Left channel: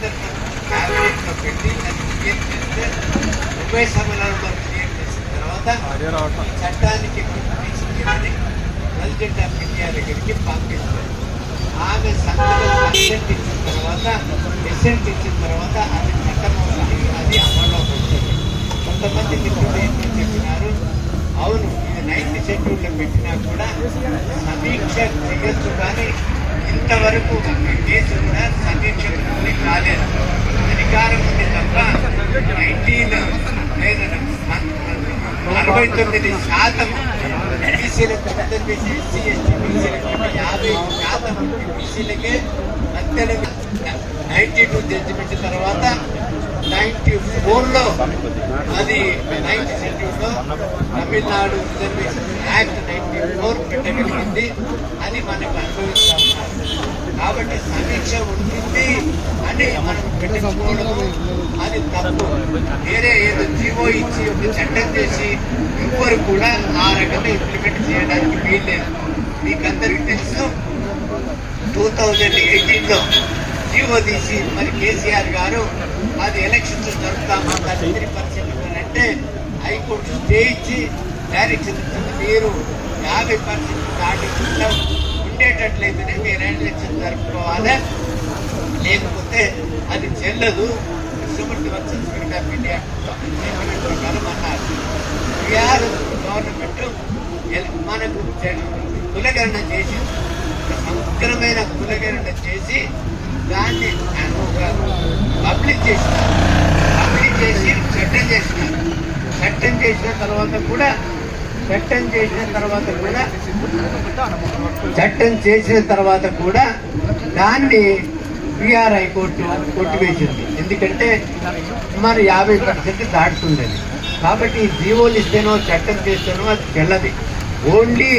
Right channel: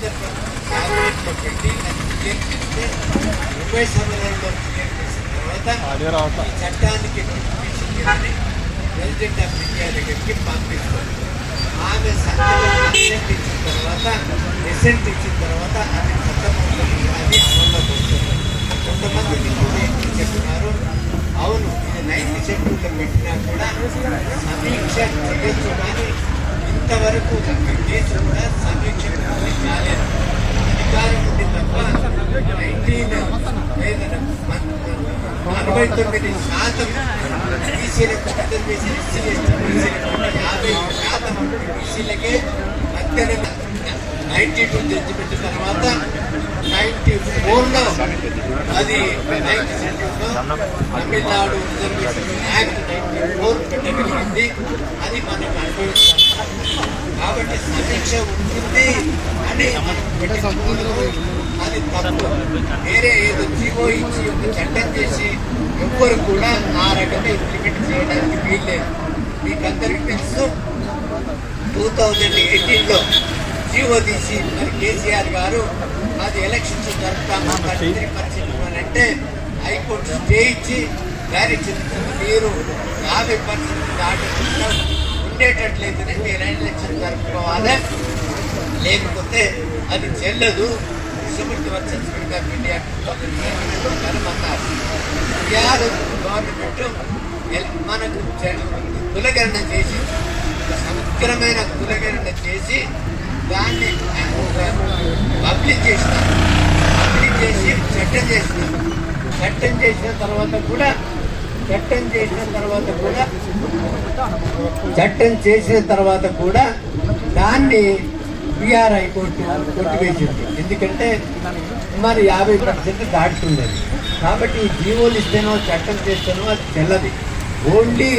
కేంద్ర ప్రభుత్వం క్యాబినెట్లో పెట్టి అది క్లియర్ చేస్తే ఉభయ సభలలో క్లియర్ చేసిన తర్వాత ఈ చట్టానికి నోటిఫికేషన్ ఇవ్వని ప్రెసిడెంట్ ఆఫ్ ఇండియా దగ్గరికి పంపిస్తారు ఆమె సంతకం అసెంట్ ఇచ్చిన తర్వాత ఎసెంట్ ఇచ్చిన తర్వాత అది చట్టం అవుతుంది అది అమల్లోకి వస్తుంది కొంతమంది మిత్రులు ఏంటి చెప్పినారు అవును ఇది నైన్త్ షెడ్యూల్లో పెట్టినా కూడా సమీక్ష చేయొచ్చు కానీ ఇంతవరకు ఒక కేసు కూడా సమీక్షకు కాలేదు. అధికారం ఉంది తప్ప నైన్టీన్ అరవై తొమ్మిది శాతం బీసీలకు చట్టం చేసి ఎస్సీ ఎస్టీ యాభై శాతం బీసీలకే నైన్టీ టూ జడ్జిమెంట్ తర్వాత నైన్టీ ఫోర్లో అది ninth Tamil Nadu reservation act ninety four పెట్టగలిగింది. అది మనకు అనుభవిస్తాం కాబట్టి సమీక్ష ఉంటుంది అని మనం పెట్టించుకోవడము అది తప్పు. వేరే ఏదో జీవో ఇచ్చి ఒక చట్టం చేసి ఎవ్వరు కూడా ఆ రకంగా ఇంప్లిమెంట్ చేయడానికి వీల్లేదు. మీకందరికీ తెలుసు టూ థౌజండ్ ఎయిటీన్లో జీవో తీసి మరి కేసీఆర్ గారు అది ఎలక్షన్స్ జరుపుతాము త్రీ హైకోర్టు స్టే ఇచ్చి డైరెక్షన్ ఇచ్చింది మీరు యాభై పర్సెంట్ దాటకుండా ఉండేటట్లయితేనే మీరు ఎలక్షన్ జరుపుకోవాలి. లేకపోతే అది చెల్లదు. సుమతి వచ్చిన స్పీడ్ ఆఫ్ ఇండియా అన్నారు గవర్నమెంట్ మనకు కులగరణ చేసి సమగ్రమైన కులగరణ చేసి దాన్ని పబ్లిక్ చేసినారు పబ్లిక్ చేసి చట్టం చేసిన. చట్టం చేసిన తర్వాత కూడా చట్టం చేసిన తర్వాత కూడా చట్టం చేసిన తర్వాత కూడా దాన్ని బీఆర్ హైకోర్టు కొట్టివేసింది. ఎందుకంటే సుమారు యాభై పర్సెంట్ దాటుతున్నది. కాబట్టి ఈ జీవోలు ఇస్తేనో చట్టం చేస్తేనో అది చెల్లది ఓన్లీ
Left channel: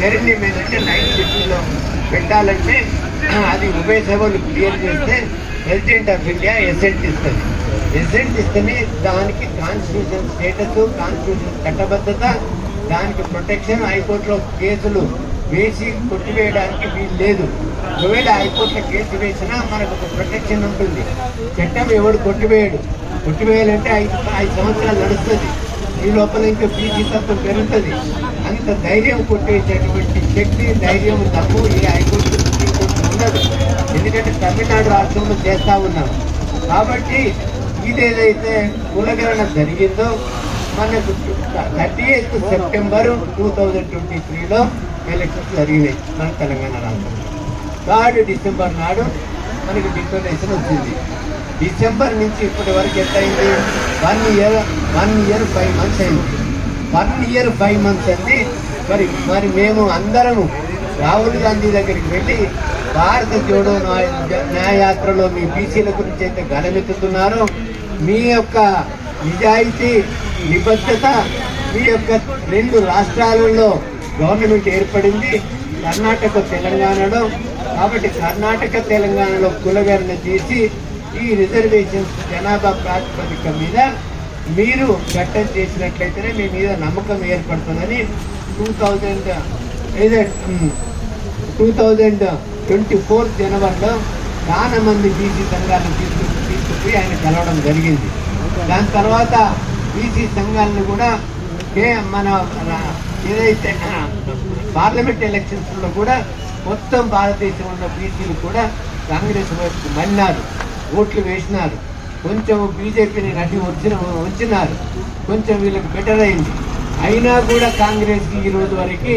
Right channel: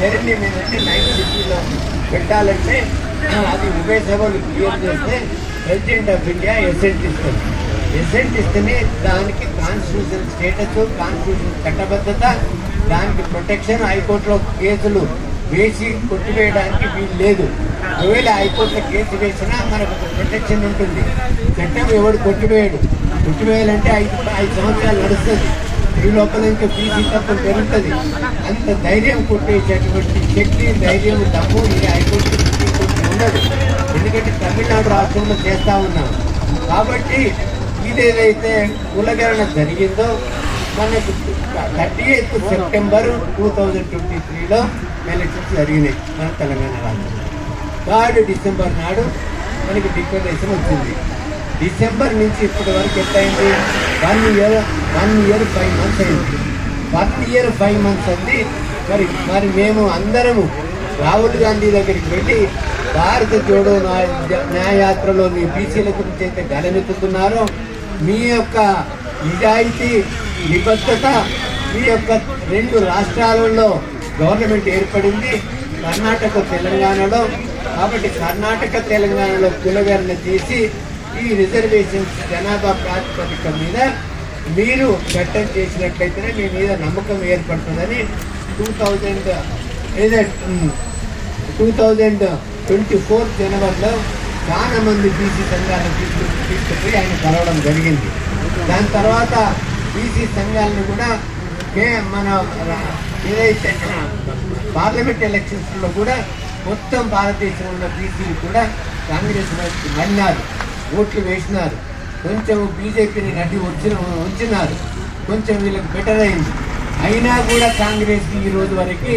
జర్నీ అంటే నైన్ సిటీలో పెట్టాలంటే అది ఉభయ సభలు క్లియర్ చేస్తే ప్రెసిడెంట్ ఆఫ్ ఇండియా ఎసెంట్ ఇస్తుంది. ఎసెంట్ ఇస్తేనే దానికి కాన్స్టిట్యూషన్ స్టేటస్ కాన్స్టిట్యూషన్ చట్టబద్ధత దానికి ప్రొటెక్షన్ హైకోర్టులో కేసులు వేసి కొట్టివేయడానికి వీలు లేదు. ఒకవేళ హైకోర్టులో కేసు వేసినా మనకు ఒక ప్రొటెక్షన్ ఉంటుంది. చట్టం ఎవడు కొట్టివేయడు? కొట్టివేయాలంటే ఐదు ఐదు సంవత్సరాలు నడుస్తుంది. ఈ లోపల ఇంకా బీసీ తప్పు పెరుగుతుంది. అంత ధైర్యం కొట్టేటటువంటి శక్తి ధైర్యం తప్పు ఈ హైకోర్టు ఎందుకంటే తమిళనాడు రాష్ట్రంలో చేస్తా ఉన్నాం. కాబట్టి ఇదేదైతే కులగరణ జరిగిందో మనకు thirty eighth September two thousand twenty త్రీలో ఎలక్షన్స్ జరిగినాయి మన తెలంగాణ రాష్ట్రంలో. థర్డ్ డిసెంబర్ నాడు మనకి డిక్లరేషన్ వచ్చింది. డిసెంబర్ నుంచి ఇప్పటి వరకు ఎంత అయింది one year one year five months అయింది. వన్ ఇయర్ ఫైవ్ మంత్స్ అండి. మరి మరి మేము అందరము రాహుల్ గాంధీ దగ్గరికి వెళ్ళి భారత జోడో న్యాయ- న్యాయయాత్రలో మీ బీసీల గురించి అయితే గలమెత్తుతున్నారో మీ యొక్క నిజాయితీ నిబద్ధత మీ యొక్క రెండు రాష్ట్రాలలో గవర్నమెంట్ ఏర్పడింది కర్ణాటక తెలంగాణలో. కాబట్టి కర్ణాటక తెలంగాణలో కులగణన చేసి ఈ రిజర్వేషన్స్ జనాభా ప్రాతిపదిక మీద మీరు చట్టం చేసినట్లయితేనే మీ మీద నమ్మకం ఏర్పడుతుందని two thousand two thousand twenty four జనవరిలో చాలా మంది బీసీ సంఘాలను తీసుకు తీసుకుపోయి ఆయన కలవడం జరిగింది. దాని తర్వాత బీసీ సంఘాలను కూడా మన ఏదైతే పార్లమెంట్ ఎలక్షన్స్లో కూడా మొత్తం భారతదేశంలో ఉన్న బీసీలు కూడా కాంగ్రెస్ వైపుకి మన్నారు ఓట్లు వేసినారు. కొంచెం బీజేపీని నటి వచ్చిన వచ్చినారు. కొంచెం వీళ్ళకి బెటర్ అయింది. అయినా కూడా కాంగ్రెస్కి ఈ రోజు వరకు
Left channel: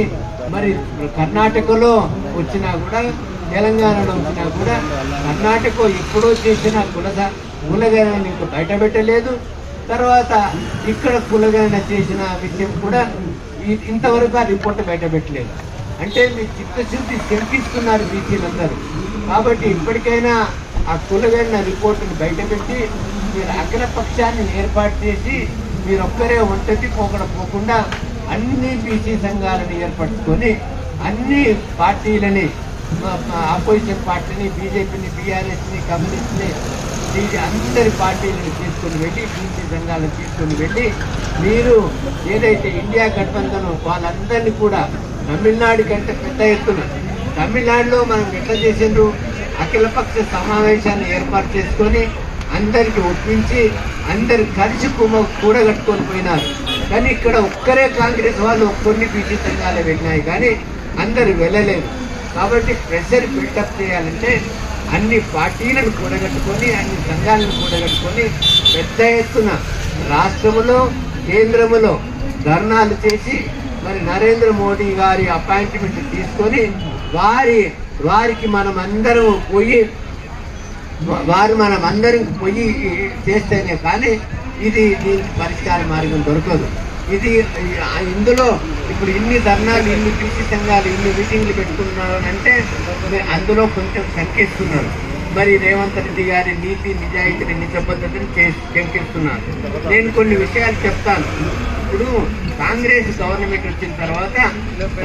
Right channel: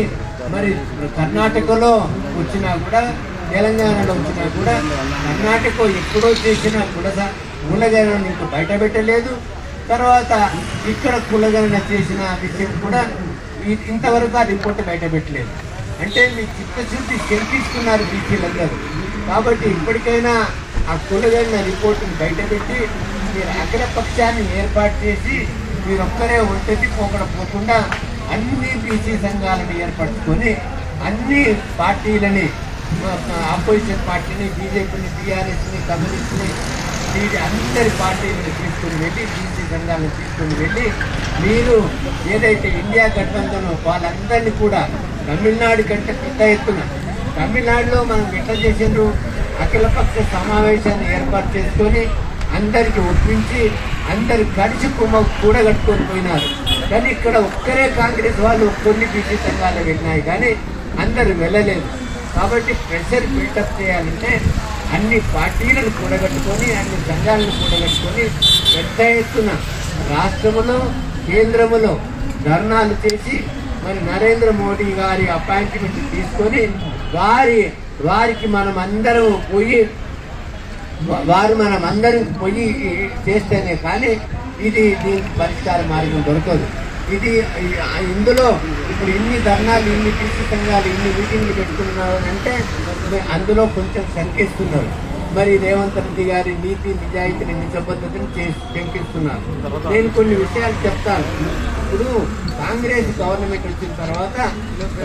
మరి కర్ణాటకలో వచ్చినా కూడా తెలంగాణలో వచ్చినా కూడా కర్ణాటక ఎప్పుడో చేసిన కుల కులగణన ఇంకా బయట పెట్టలేదు తర్వాత ఇక్కడ కులగణన చేసిన విషయం కూడా ఇంతవరకు ఆ రిపోర్ట్ బయట పెట్టలేదు అంటే మీ చిత్తశుద్ధి శంకిస్తున్నారు బీసీలందరూ. కాబట్టి ఇప్పటికైనా ఆ కులగణన రిపోర్టును బయటపెట్టి మీరు అగ్రపక్షాన్ని ఏర్పాటు చేసి మీరు ఒక్కరే ఒంటరి పోకడ పోకుండా అన్ని బీసీ సంఘాలను ఏర్పరచుకొని అన్ని పార్టీలని ఆపోజిషన్ పార్టీని బీజేపీని బీఆర్ఎస్ని కమ్యూనిస్ట్ని వీటి అందరి పార్టీలను తీసుకుని వెళ్ళి బీసీ సంఘాలను తీసుకుని వెళ్ళి మీరు ఏదైతే ఇండియా గఠబంధనో వాళ్ళందరినీ కూడా తమిళనాడు కంటే పెద్ద ఎత్తున తమిళనాడులో మనం ఎట్లా చేసిండ్రు? అఖిలపక్ష సమావేశాన్ని ఏర్పాటు చేసుకొని అందరికీ ఒప్పించి అందరి కలిసి కుమ్మ కూడగట్టుకొని పోయినారు. కానీ ఇక్కడ ఒక్కరే కాంగ్రెస్ వాళ్ళు కొన్ని బీసీ సంఘాలు వెళ్ళినాయి కానీ అందరు వెళ్ళలేదు. కాబట్టి ప్రెషర్ బిల్డప్ చేయాలంటే అన్ని పార్టీలను కూడగట్టుకొని అన్ని సంఘాలను కూడగట్టుకొని పెద్ద ఎత్తున రాష్ట్రములో కేంద్రములో ధర్నాలు చేసి మరి నరేంద్ర మోడీ గారి అపాయింట్మెంట్ తీసుకొని వారి వారికి మనం అందరం పోయి వారు మనం అందరం పోయి చేస్తేనే కానీ ఇది దీనికి పరిష్కార మార్గం దొరకదు. ఇది ఇందులో ఇప్పుడు ఇన్ని ధర్నాలు ఇన్ని కృషి సంఘాలు ఇన్ని మీటింగ్లు పెట్టుకున్నారు అంటే అందులో కొంచెం శంకిస్తున్నారు మరి రేవంత్ రెడ్డి గారి నీతి నిజాయితీని నిజబద్ధతను శంకిస్తున్నారు. నేను కొన్ని విషయాలు చెప్తాను. ఇప్పుడు కాంగ్రెస్ గవర్నమెంట్ వచ్చిన తర్వాత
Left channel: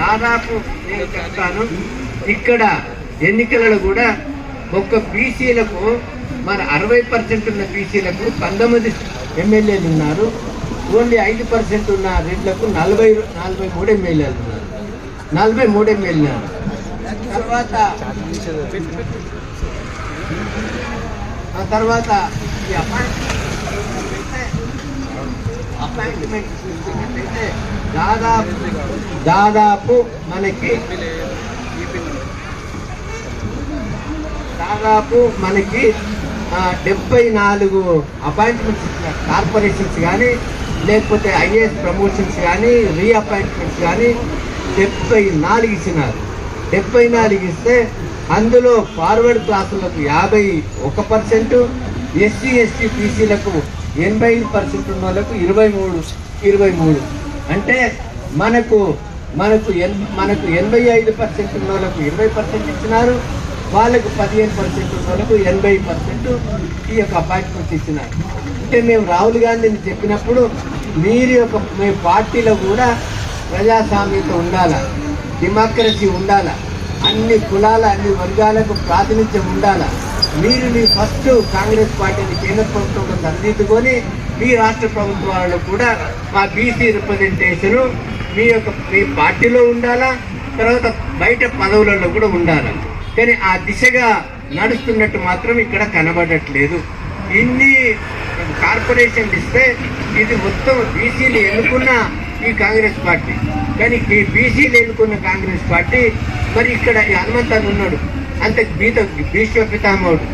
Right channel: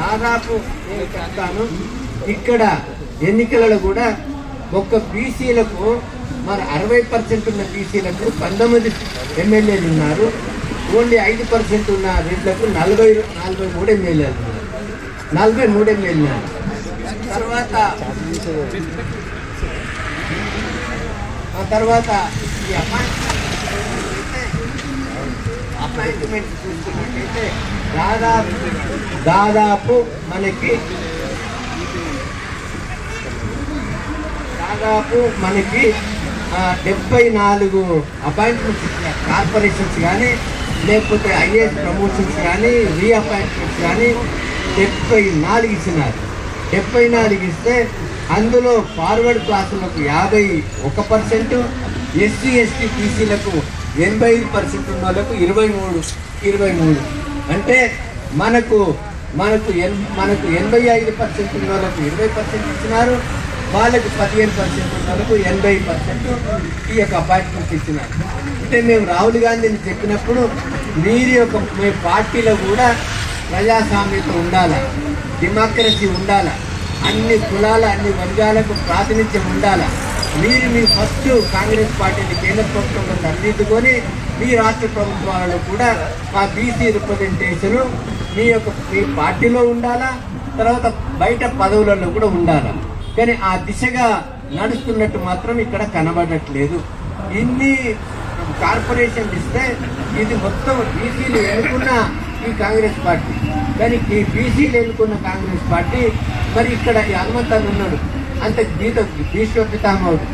దాదాపు నేను చెప్తాను ఇక్కడ ఎన్నికలలో కూడా ఒక్క బీసీలకు మన అరవై పర్సెంట్ ఉన్న బీసీలకు పంతొమ్మిది ఎమ్మెల్యేలు ఉన్నారు. ఓన్లీ ఐదు పర్సెంట్ ఉన్న రేట్లకు నలభై నలభై మూడు ఎమ్మెల్యేలు ఉన్నారు. నలభై మూడు ఎమ్మెల్యేలు తర్వాత ఆ తర్వాత ఈ అపాయింట్మెంట్ అపాయింట్మెంట్ చూసుకున్నట్టయితే దాదాపు దాదాపు మనకి దాదాపు మనకి డెబ్బై నాలుగు అపాయింట్మెంట్స్ కార్పొరేషన్స్ కానీ లేకపోతే ఐఏఎస్ ప్రమోషన్స్ కానీ రీఅపాయింట్మెంట్స్ కానీ డెబ్బై నాలుగు ఇచ్చినారు. డెబ్బై నాలుగు ఇస్తే అందులో ఫార్వర్డ్ క్లాసులకు యాభై ఒక పర్సెంట్ ఎస్సీ ఎస్టీ బీసీలకు ఎనభై ఐదు పర్సెంట్ ఉన్న వాళ్ళకు ఇరవై మూడు ఇరవై మూడు. అంటే మనకు మనకు ఎన్ మనకు ఎనభై ఐదు పర్సెంట్ ఉన్న వాళ్ళకు ఇరవై పర్సెంట్ ఇచ్చినారు. వాళ్ళకు పదిహేను పర్సెంట్ ఉన్న వాళ్ళకు ఎనభై పర్సెంట్ ఈ యొక్క అపాయింట్మెంట్ ఇచ్చినారు. అంటే మేము రాహుల్ గాంధీని చెప్పినప్పుడు మీరు యొక్క మీ పార్టీలో కూడా ప్రజాస్వామ్యత ఉండాలా డెమోక్రసీ ఉండాలా అన్ని కులాల అన్ని వర్గాలకు ప్రాతినిధ్యం ఉండాలా. మీరు మీ ఫస్ట్ కాంగ్రెస్ పార్టీని కేంద్ర ప్రభుత్వంలో సరిదిద్దుకొని మీ రాష్ట్ర ప్రభుత్వాలలో కూడా మా బీసీ రిప్రజెంటేషన్ మీ యొక్క మీ పార్టీలో ఉండాలా తర్వాత బయట పదవులలో కూడా ఉండాలా. కానీ ఆ దిశగా నడుస్తున్నట్టు మాత్రం ఇక్కడ కనబడట్లేదు. ఇన్ని కార్పొరేషన్ ఇస్తే ఇది మొత్తం బీసీలు ఎన్నుకున్న ఈ కాంగ్రెస్ పార్టీ. కానీ ఈ బీసీలు ఎన్నుకున్న కాంగ్రెస్ పార్టీ మరి ఇక్కడ ఈ హనుమంతన్ ఉన్నాడు. అంత గీత భీష్మ పితామహుడు.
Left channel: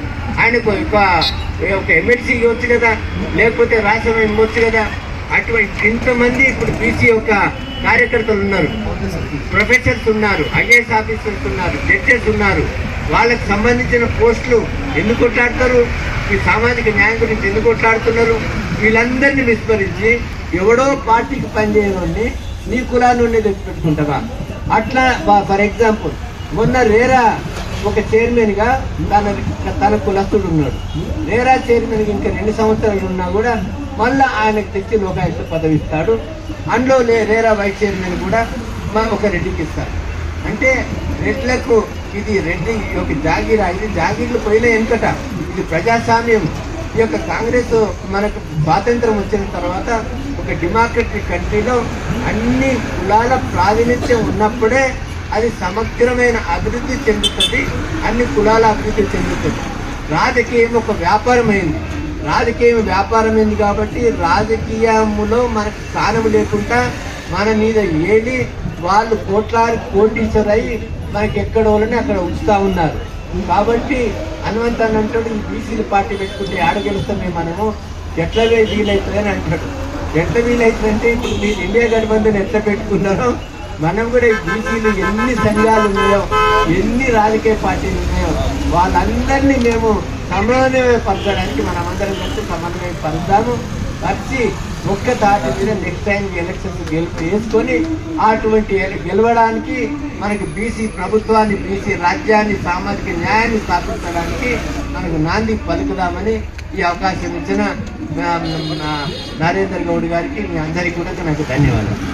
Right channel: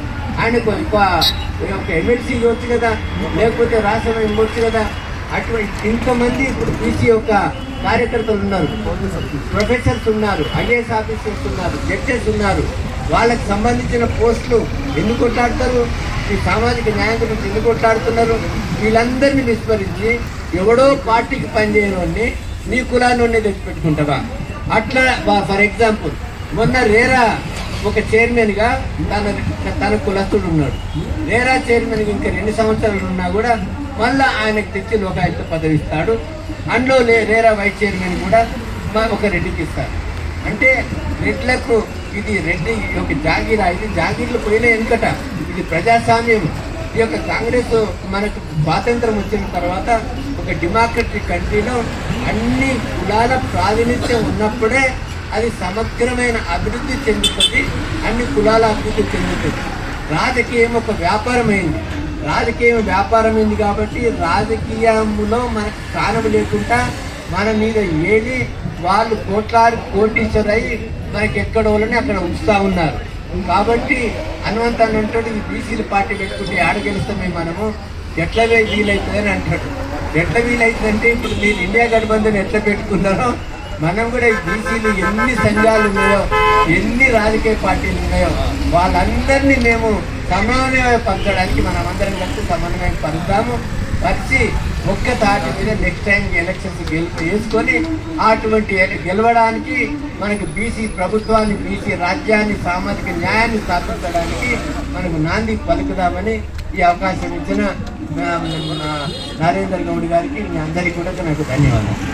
ఆయనకు ఒక ఒక ఎమ్మెల్సీ ఇవ్వచ్చు కదా లేకపోతే రాష్ట్రం ఇవ్వచ్చు కదా. అటువంటి ఇంతమంది ఇప్పుడు బీసీ యొక్క కార్యకర్తలు ఉన్నారు. ప్రొఫెసర్స్ ఉన్నారు ఐఏఎస్ ఆఫీసర్స్ ఉన్నారు జడ్జెస్ ఉన్నారు. వాళ్ళకు సంబంధించిన పోస్టులు ఎందుకు కొట్లాడతారు? ఈ సామాజిక న్యాయం గురించి ఎందుకు కొట్లాడుతున్నారు? వీళ్ళందరినీ విస్మరించి ఎవడో పార్టీకి పనిచేయని నీ కులాన్ని తెచ్చిపెట్టుకుంటావా? అట్లా ఫర్ ఎగ్జాంపుల్ మొన్న రేరా ఒక చైర్మన్గా తన తన కులస్తుడు ఉన్నాడు. రేరా చైర్మన్కి ఇంకా రెండు సంవత్సరాలు ఉన్నా కూడా మళ్ళా ఆయనకు తెచ్చి లోకాయుక్త పదవి ఇస్తాడు అందులో రేరా వైస్ చైర్మన్ కూడా ఒక రెడ్డికి ఇస్తాడు. అంటే రెడ్లకు ఇది రెడ్డి యొక్క జాగీరా ఇది జాగీర్లు పోయిన వెనుకట ఇది ప్రజాస్వామ్యం. ఈ యొక్క కాంగ్రెస్ మనకు స్వాతంత్రం వచ్చిన తర్వాత ఒక డెమోక్రటిక్ కంట్రీలో అన్ని కులాల ప్రాతినిధ్యం ఉన్నప్పుడే అది సమగ్రమైన అభివృద్ధి చెందుతుంది అన్ని కులాల అభివృద్ధి చెందుతుంది. రాజకీయం ఒక వ్యాపారమైంది. రాజకీయం వ్యాపారమైంది కాబట్టి రాజకీయములో మనకు స్థానం లేకుండా మన మీద ఏది వాళ్ళు కోట్లాది కోటీశ్వరై మనకి ఎక్కడ వాళ్ళని అక్కడ ఉంచుతా ఉన్నారు. కాబట్టి హనుమంతన్ అంటాడు ఈ బీసీలు పార్టీ పెట్టుకుంటే ఆడ గెలుస్తామే మనము. ఎట్లా వీలవుతుందని అంటాడు. ఎట్లా వీలవుతుందంటే ఇప్పుడు మీరు ఇండియా గఠబంధన్ ఎట్లా పెట్టుకున్నారో మనం కూడా ఈ బీసీలు ఎన్ని సంఘాలు ఉన్నాయో ఎన్ని రాజకీయ పార్టీలు ఉన్నాయో వాళ్ళందరినీ మేము సమన్వయ పరచడానికి అందరం కలిసి సమన్వయం పరుద్దాము. వచ్చి ఒక్క తాటి మీద నెక్స్ట్ టైం ఎలక్షన్స్ గెలుపు వేసుకొని అటువంటి గెలవడానికి మనకి బీసీ ప్రభుత్వాన్ని బీసీ రాజ్యాన్ని సామాజిక న్యాయాన్ని స్థాపించడానికి మనకు నాంది పలుకుదామని ఈ అవకాశం ఇచ్చిన నరేంద్ర గౌడ్ గారికి మీ అందరికీ కూడా నాకు ధన్యవాదాలు.